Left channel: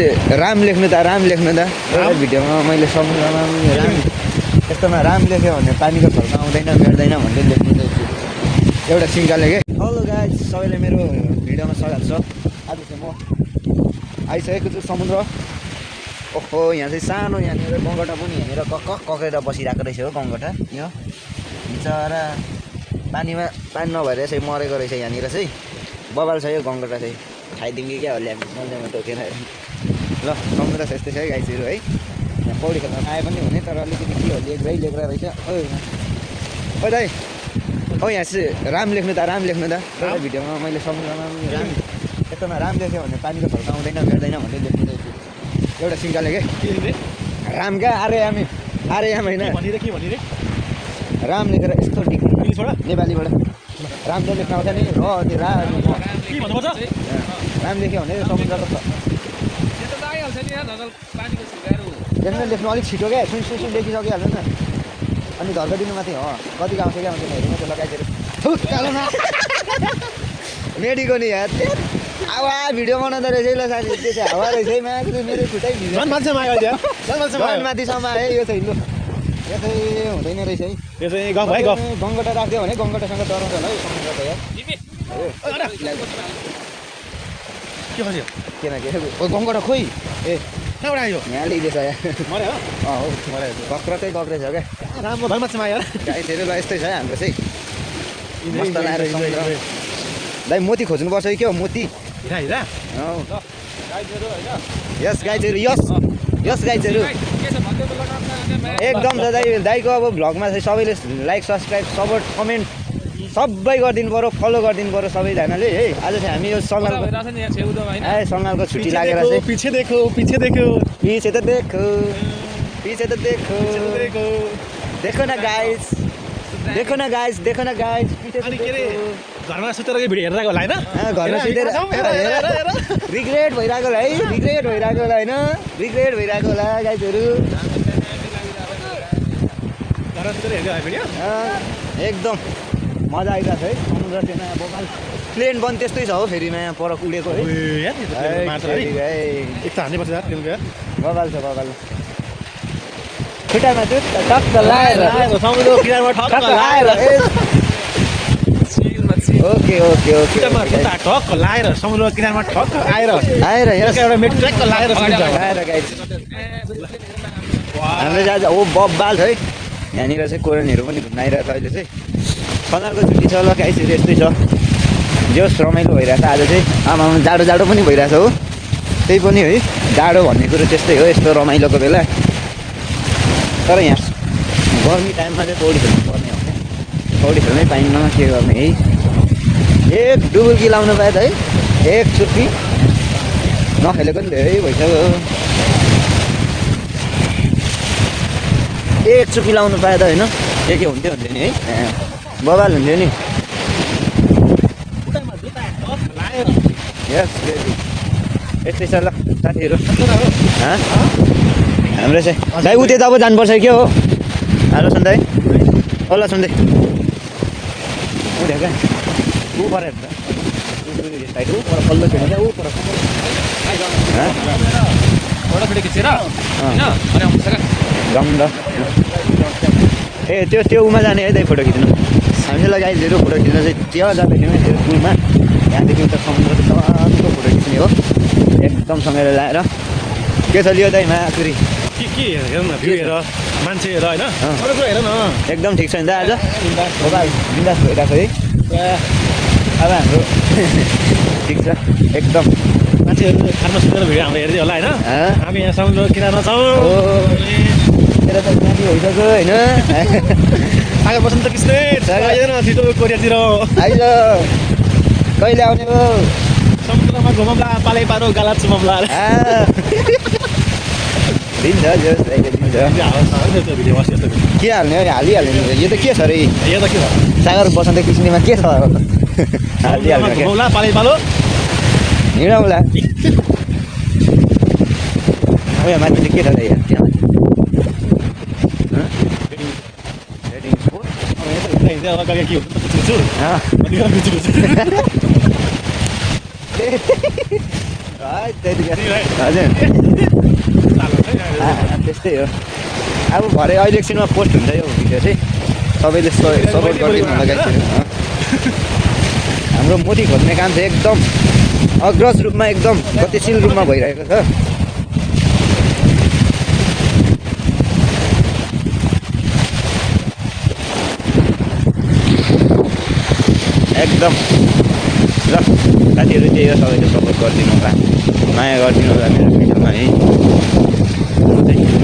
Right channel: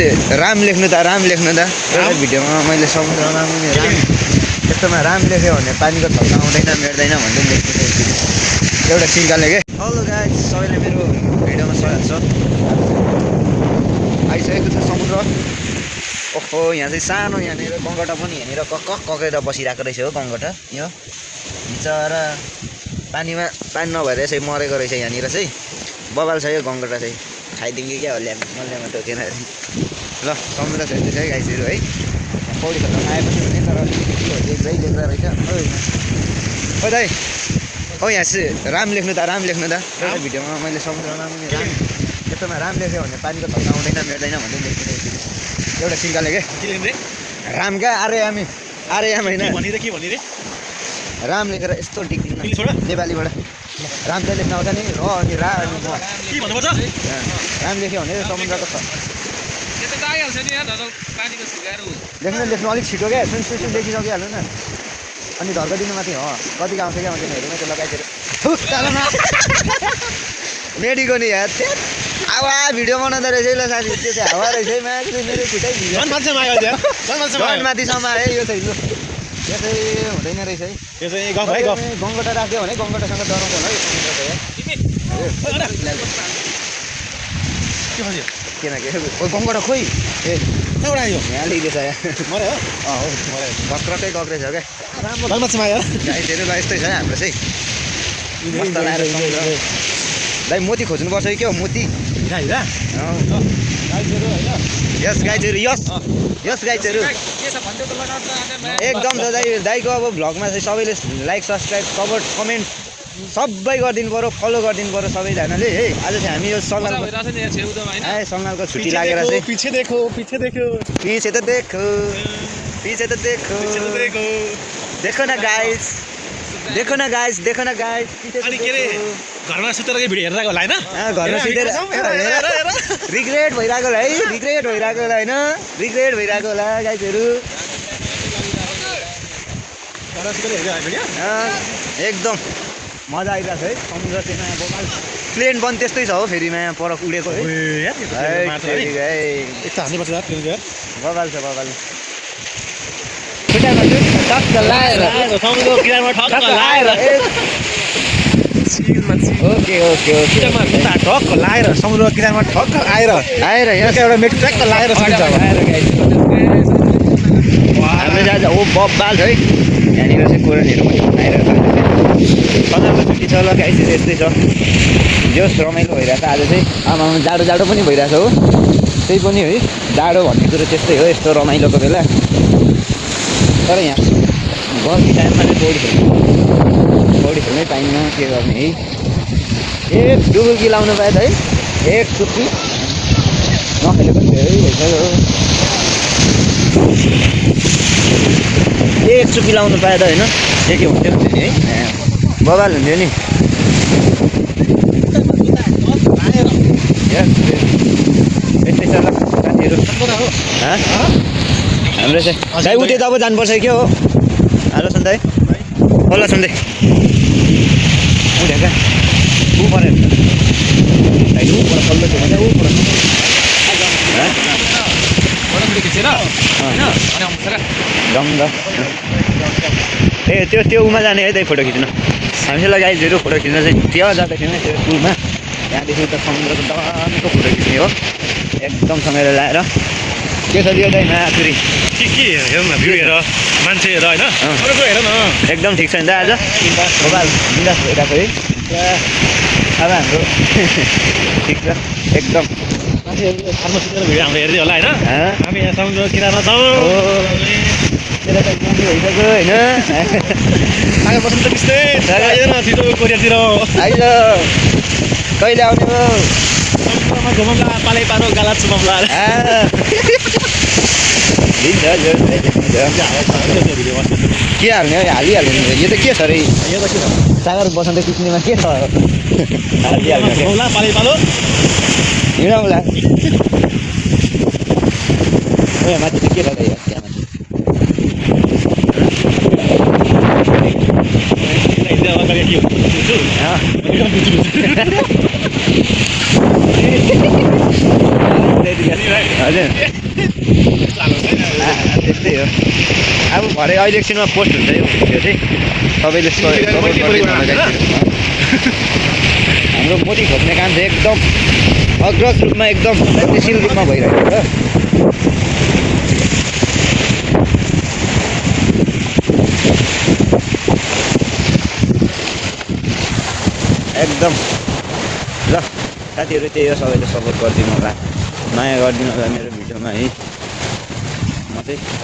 राम लेख्नु त एउटा भिडियोमा मैले समुद्रमा राम यस्तोमा राम लेख्यो भने पानीको छल्का आउँदैन मेट्दैन भन्दै लेख्नु एउटा सिङ्काले के। हेलो गाइस, सबैलाई मेरो भिडियोमा स्वागत छ। आइसकेको छु समुद्र। ओहो, यहाँ चाहिँ सानो यहाँनिर गङ्गटा पनि यहाँनिर ककेर बसिरहेको रहेछ हो। गङ्गटा यो बिचरा पानी नभएर यसै मरेको रहेछ। यहाँनिर चाहिँ बबाल छ यो गङ्गटा चाहिँ, खाइदिउँ क्या हो मल्लेमा टोकेर। ल समुद्र छ यस्तै छ है गाइसहरू है। यहाँ पौडी खेल्न आए पनि हुने, तर अलिकति के हो लेख्दै रहेछ। ओ दाइ, ओ यहाँ चाहिँ राम लेख्नु त एउटा भिडियोमा मैले समुद्रमा राम यस्तोमा राम लेख्यो भने पानीको छल्का आउँदैन मेट्दैन भन्दै लेख्नु एउटा सिङ्काले के। राम क्या आर्याम होइन, राम लेखेर यस्तो डिग्री नेपालीबाट राम चाहिँ लेख्न आउँछ नि। र अनि राम लेख्यो भने समुद्रको छ लेख्नु अलिक छिटो क्या, सुन लेखिसकिहाल्नु न। अनि धर्का दिनु माथि हो कतिको आउँछ क्या, हेर्नु त्यो लगाइदिएर मेडीको नि यार हावा भिडियो बनाउँदो रहेछ ल साथी। त्यो चाहिँ हावा रहेछ है, माथि मेरो खुट्टै माथिसम्म है। यो चाहिँ लु यो चाहिँ हुँदैन रहेछ है। गङ्गटा राख्यो भने गङ्गटासँग डराउँछ होला है समुद्र त यार। किन के गङ्गटा खोइ ए कहाँबाट आयो यहाँ लिँदैछ यार। कक्रकै कक्रेछ क्या गाइसहरू। ल यस्तै छ हाम्रो चाहिँ मस्त लगाएर समुद्र। दाइ मोती खोज्नुपर्छ है, के हो मोती। यस गाइजहरू यस गाइजहरू एकदम छ दाइको अब भ्लगमा चाहिँ सबैले लाइक सब्सक्राइब सपोर्ट कमेन्ट सबै गरिदिनु पऱ्यो, फलो गरिदिनु पऱ्यो सबैजनाले है। आज चाहिँ हामी यो सङ्गालको छुट्टी लागेर चाहिँ पीछे देखो देखो न गाइस घरमा सुतेर भिडियो हेरेर होला हैन। घरमा सुतेर रिग्रेट भइरहेको होला है, रिग्रेट भइरहेको होला गाइजहरू। एकदम मजा आइरहेको छ है समुद्र चाहिँ नयाँ बोकाल प्लेन पनि त्यस्तै छ हो। फेरि नयाँ पर उडेको है बबाल छ बबाल। खुट्टामा टक्क लाएर ओके ठक्क लाएर समुद्रमा किनारमा ठक्क आएर एउटा मेटु ट्याक्क लाएर गाइस हाम्रो चाहिँ आज ओ बबाल छ है। यहाँनिर चाहिँ कोरनहरू पनि बनाइरहेको छ। सन्दर्भको छुट्टी छ ल गाइसहरू यस्तै छ। जोस् रमाइलो भइरहेछ आज चाहिँ। आमामा जाडो पनि भइरहेछ हो। त्यही पनि है जाडो भन्ने कुरो त्यस्तै हो यस्तो रमाइलोको बेला। तर यहाँ गर्मी टाइममा चाहिँ पौडी खेल्नै पाइन्न, के गर्ने है। एक डुबुल्की लाउनु पायो त है, एक चुप्पी नखेलेको पनि धेरै भइसक्यो। एक चुप्पी लाउनु पायो त होइन के हुन्थ्यो नि है, बबाल हुन्थ्यो नि। यस्तै छ ल साथीहरू। हाम्रो चाहिँ दाइ उतै त अब जानुपर्छ के हो। हेलो सन्दै ओला सन्दै उठ्यो क्या ऊ पऱ्यो ऊ पर पल्लो थियो ऊ पर जाउँ त। ए त्यो उमा जाने है दाइ फोटो खिच्न। हामीलाई गाइजहरू फोटो खिच्न चाहिँ त्यहाँ जाँदैछौँ त्यो पुलमा। त्यहाँदेखि त समुद्रको दामीको फोटो खिच्ने हो एकदम सँगै लाएर। के छ लियो दाइ माथुरी के हेर न भ्यू हेर मान्छे हेर होइन हेर न एकदम ठिक छ नि त आज बबाल बिन्दास भइरहेको है। अब हाम्रो ठिक छ एकदम। मान्छेहरू घरमा सुतेर भिडियो हाम्रो हेर्दै होला होइन। हामी यहाँ समुद्र किनारमा छौँ। तेरो त त्यहाँदेखि भइसक्यो होइन। आगे बस्नु त त्यस्तै आइज छिटो कोरियातिर आइज कहिले आउने हो। समुद्रमा घुमाउँला पालै पारो गाला चुमाउँला के हाल्ने हो हालिहाल्ने। यो त के छ अरे सागर बसन्त किस्नेमा के छ घुमाउँला पालै पालो हिँडौँला। अब यहाँ माथि के छ त यहाँ हजुर त्यस्तै हो अब भरे अहिले एकछिनमा पोस्ट हुन्छ यो भिडियो चाहिँ सबैले सपोर्ट गरिदिनु होला गाइसहरू हाम्रो मोती खोज्ने काम चाहिँ एकदम अग्रज रूपमा एकदम गतिशील रूपमा भइरहेको छ एकदम ल साथीहरू त्यही हो सबैले सपोर्ट गरिदिनु होला माया गरिदिनु होला मेरो भिडियोमा है म चाहिँ